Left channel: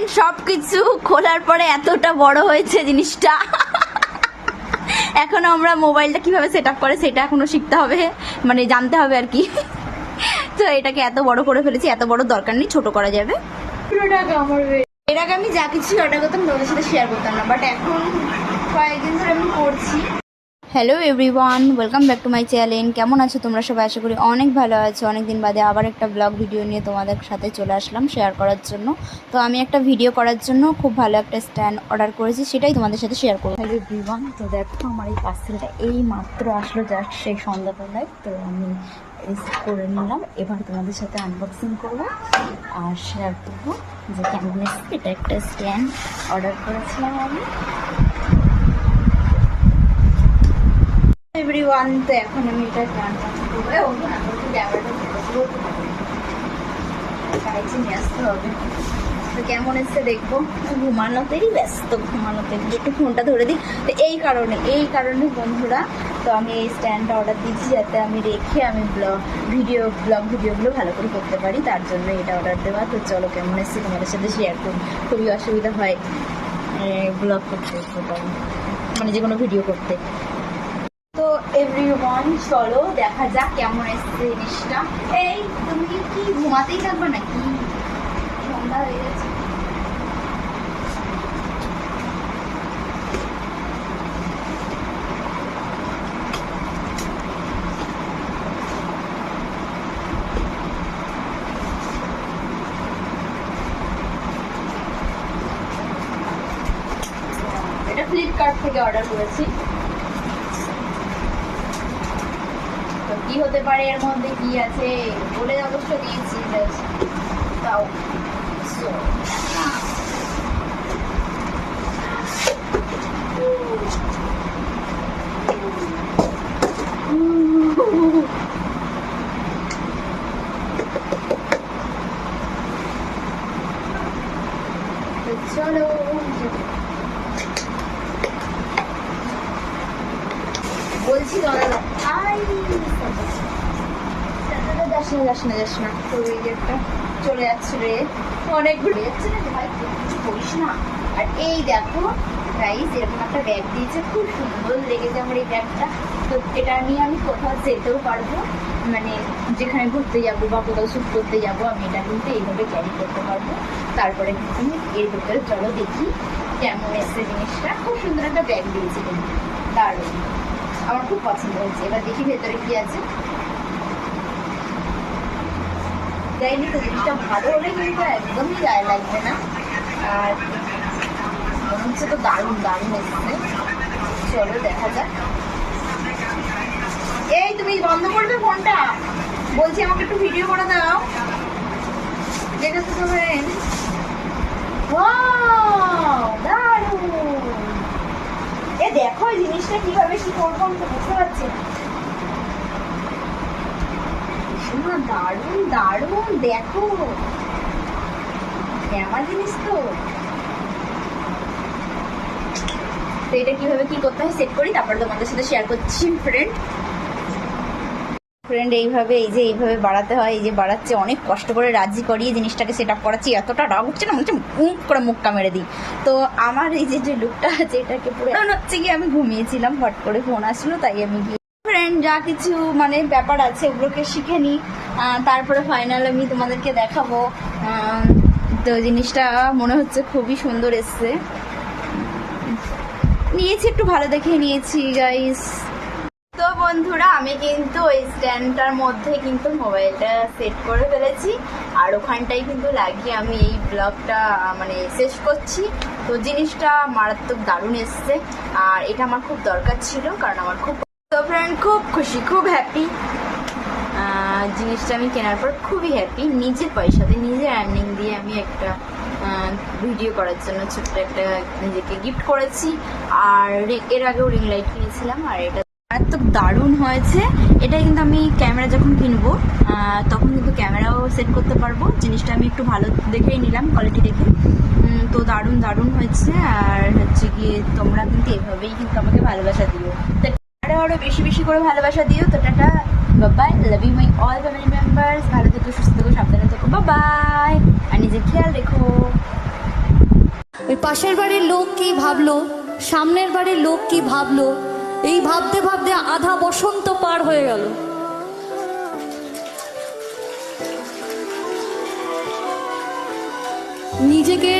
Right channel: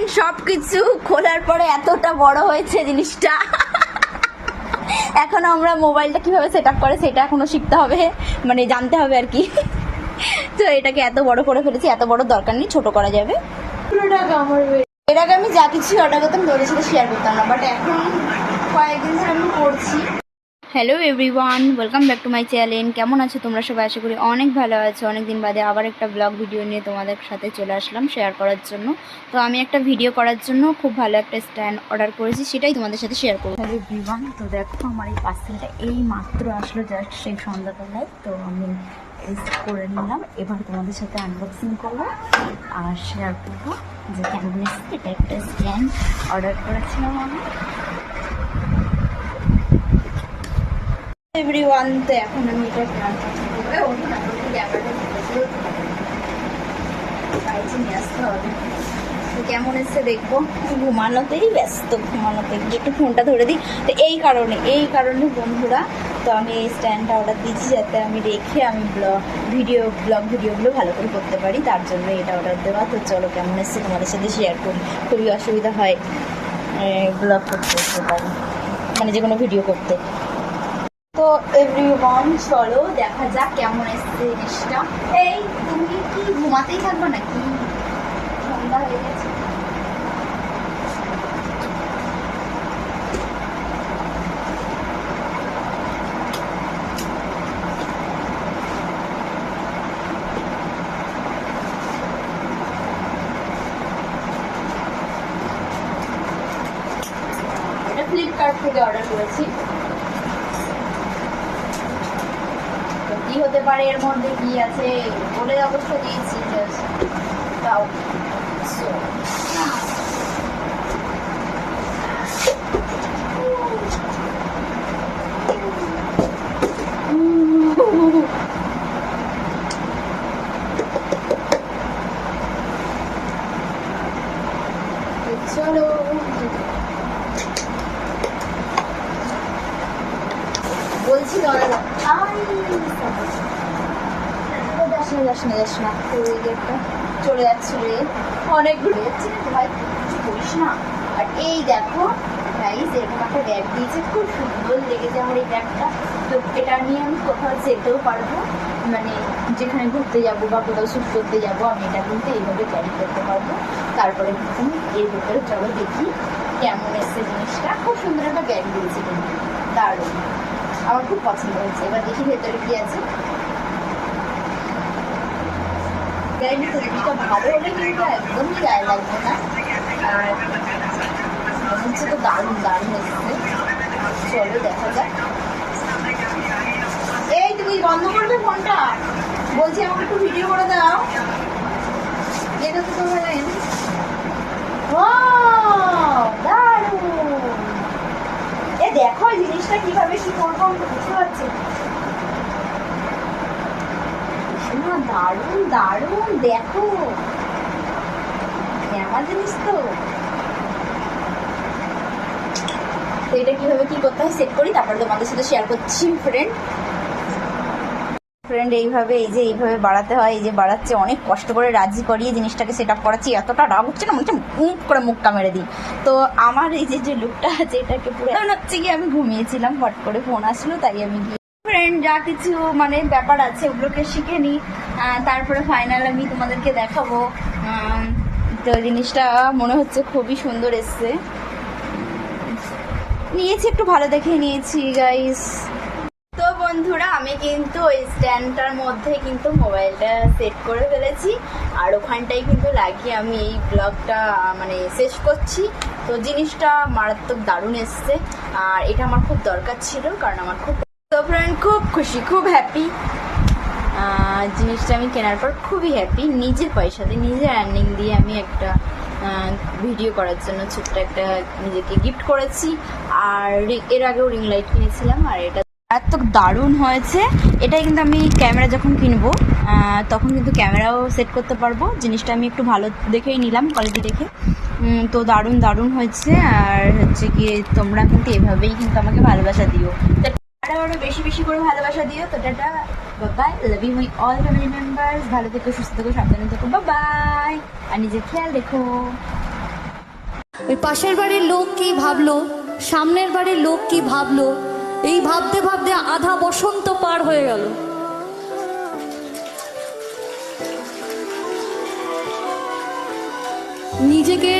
Friend সব কিছু খোলার পরে এতটা বড় হয়েছে জিনিসটা। এখন আমরা মোবাইলটা কীভাবে সেট আপ করে সেটা এখনও শিখতে হবে মানে জানতে হবে আর কি। তো এটাকে এত বড় করে ফেলেছি এত বড় দরকার নেই ছোট করা যাবে। এর আগে আমি যা কিছু অর্ডার করতাম তোমাদের সাথে শেয়ার করতাম না বাট এখন কয়েকদিন ধরে আমি করছি। Hello everyone welcome back to my channel কেমন আছো তোমরা সবাই? আশা করি অনেক ভালো আছো। অনেক দিন বাদে আবার একটা ব্লগ ভিডিও নিয়ে তোমাদের সাথে চলে আসলাম শেয়ার করার জন্য। তো আমি একটা ভিডিও করার জন্য খুব ভালো একটা স্ট্যান্ড অর্ডার করেছি, সেটাই তোমাদের সাথে শেয়ার করব। হ্যালো এভরিওয়ান তো দেখো আমার এই পার্সেলটা এই মাত্র আসলো জাস্ট সেই সন্ধ্যাবেলায়। তো আমি করে নিলাম, এবার তোমাদের সাথে আনবক্সিং করব আর শেয়ার করব যে কেমন এটা একটা স্ট্যান্ড অর্ডার করেছিলাম আমি। এভরিওয়ান তো এখন আমি এটা তো কেমন এসছে দেখব? ঘুমানোতেই ব্যস্ত, ঘুমানোতে একটু ফোনটা ধরে দিই। তো এই কারণে এই কারণে বন্ধুরা, তো আমি এই স্ট্যান্ডটা অর্ডার দিচ্ছি যাতে আমি রেখে আমি ব্লগ ভিডিও ব্লগ ভিডিওগুলো ভালো করে করতে পারি। তার জন্য এটা অর্ডার দেওয়া। তো চলো, কেমন এসছে তোমাদের সাথে শেয়ার করি। খুবই অসুবিধা হয় ব্লগ করতে মানে যে কোনো ভিডিও করতে। এভরিওয়ান চলো দেখা যাক কেমন এসছে জিনিসটা। এই, তুমি কি ঘুমাতেই থাকবে নাকি? সন্ধ্যা হয়ে গেছে। ফ্লিপকার্ট থেকে অর্ডার করেছি তো কি হতে পারে? এর মধ্যে কি আছে? বলে অবশ্য দিয়েছি তাও So, তো চলো বলছি দাদা আই যাস না যাস না যাস না। যে একটা চলে যাচ্ছে রে। অনেক ঘুরে যাচ্ছে না ভাই, কিছু করিস না। আর এই দেখো গাইস এরকম একটা ব্যাগ দিয়েছে। খুব সুন্দর লেগেছে আমার এই ব্যাগটা তো এটা নিয়ে আমি কোথাও যেতেও পারব। মানে যেখানে ঘুরতে যাব বা কোথাও শ্যুট করতে যাব, আমি এটা কিন্তু এইভাবে ক্যারি করতে পারব। তারপরে কিন্তু আমি এর ভিতরে চলো দেখি কেমন এসছে জিনিসটা। খুব সুন্দর একটা ব্যাগ দিয়েছে কিন্তু। দারুণ। আমার খুব পছন্দ হয়েছে। এবার দেখি ভেতরে কি আছে। দেখা যাক। এই তুমি বলছি আমাকে একটু ভিডিও করে দাও। যেটা তো Wow, দারুণ। দেখো জিনিসটা কীভাবে কি করব আমি তো বুঝতে পারছি না। দারুণ দারুণ দেখো। কেমন জিনিস তো। তো এটা কীভাবে কি করতে হয় সেট করি, তারপর তোমাদের সাথে শেয়ার করছি ফ্রেন্ড ফ্রেন্ড এইভাবে, এই যে এইভাবে বাড়াতে হয়, এই যে বাড়াচ্ছে, অনেক কষ্ট করে রাজি করিয়ে জিনিসটাকে সেট আপ করাচ্ছি, এতটা রাগ হচ্ছে না মনে মুখ করে মুখটা মেরে দিই। তো আমার এই যে যে লুকটা আছে, এটাকে পুরো হচ্ছে কি আমি ঘুমিয়েছিলাম, হট করে ফোন আসলো, তাই আমি গিয়ে ফ্রেন্ড যা কিছু মানে ব্যাপার আছে, ওগুলোকে শিখে নিই। তারপরে ফাইনাল আমি তোমাদেরকে দেখাবো। তো জিনিসটা মনে হচ্ছে খুবই সুন্দর এসছে। নিয়েছি, একটু ভালো দেখে নিয়েছি গাইস তো বন্ধুরা, আমি কিন্তু ওই স্ট্যান্ডটার মধ্যে কিন্তু মোবাইলটা সেট করে ফেলেছি। আর ওখানটাই কিন্তু লাগিয়ে আমি এই ব্লগটা মানে শেষ করছি। তো জিনিসটা মারাত্মক দারুণ এসছে। আর এটা আমার খুব দরকার ছিল, কারণ আমার খুব তো ফ্রেন্ড খুব খুশি, খুব হ্যাপি জিনিসটা আমি কেনার পর খুবই হ্যাপি নিজের পয়সাতে, নিজের আর্নিং দিয়ে আমি একটা ভিডিও করার জন্য ছোট্ট একটা নিজেকে গিফট করেছি। আর এর আগেও রিং লাইট কিনেছিলাম, আর এটা এত দারুণ হয়েছে। এটাই কিন্তু আমি ক্যামেরা যখন কিনবো তখন কিন্তু ক্যামেরাও সেট করতে পারব। জিনিসটা আমি একটু ভালো দেখেই নিলাম কোয়ালিটি দেখে। তো দারুণ দারুণ হয়েছে। আর হচ্ছে গিয়ে তোমরা কিন্তু এভাবেই কিন্তু আমাকে ভালোবাসা দিও। আরও আরও বেশি বেশি করে ভালোবাসা দিও। তো tata bye bye love you my all family members ভালো থেকো, সুস্থ থেকো, সাবধানে থেকো বাবাই আর নিজের খেয়াল রেখো। পাশের বাড়ির লোক কি ভাবলো? সামনের বাড়ির লোক কি ভাবলো? এই ভাবতে ভাবতে আধা বসন্ত পার হয়ে গেল। নিজেকে